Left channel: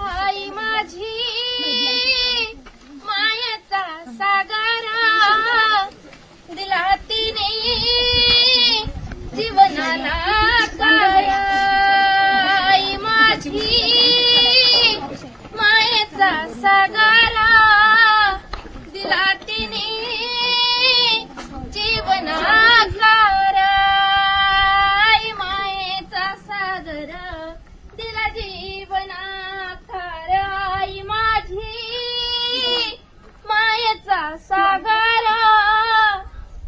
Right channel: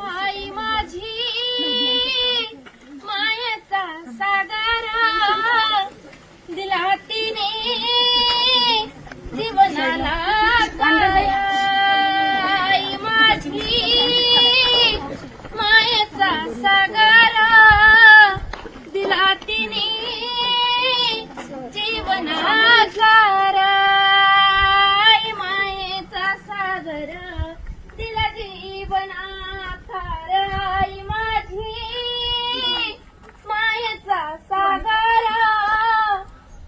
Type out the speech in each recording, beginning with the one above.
आई माझी मायेचा सागर दिला तिने जीवनाला आई माझी मायेचा सागर दिला तिने जीवनाला आई मायेचा सागर दिला जीवनात आई माझी मायेचा सागर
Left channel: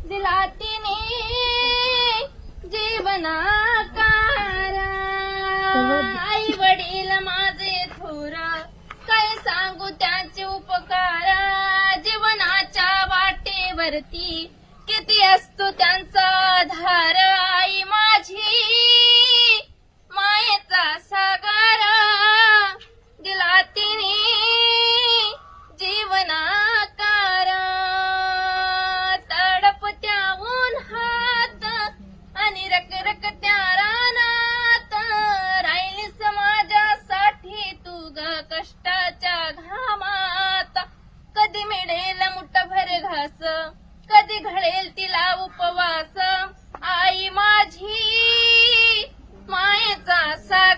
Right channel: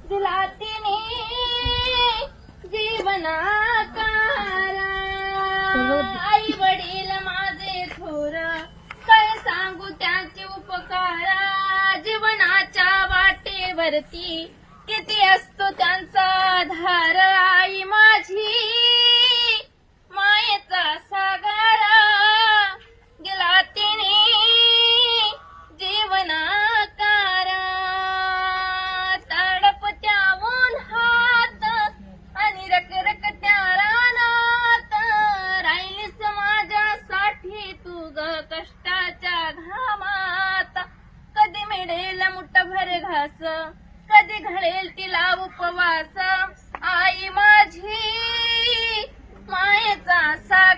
दिला तिने जीवनाकार आई वडील माझे थोर काय सांगू त्यांचे उपकार जीवनाच्या वाटेवरती किती असतो त्यांचा आधार आई माझी मायेचा सागर दिला तिने जीवनाकार तडपत्या उन्हात आणि रखरखत्या रानात राहिलीस माझ्यासाठी तू ग कष्टाच्या घामात कधी मिळेल मुठभर घास कधी घडेल तिला उपवास आई माझी मायेचा सागर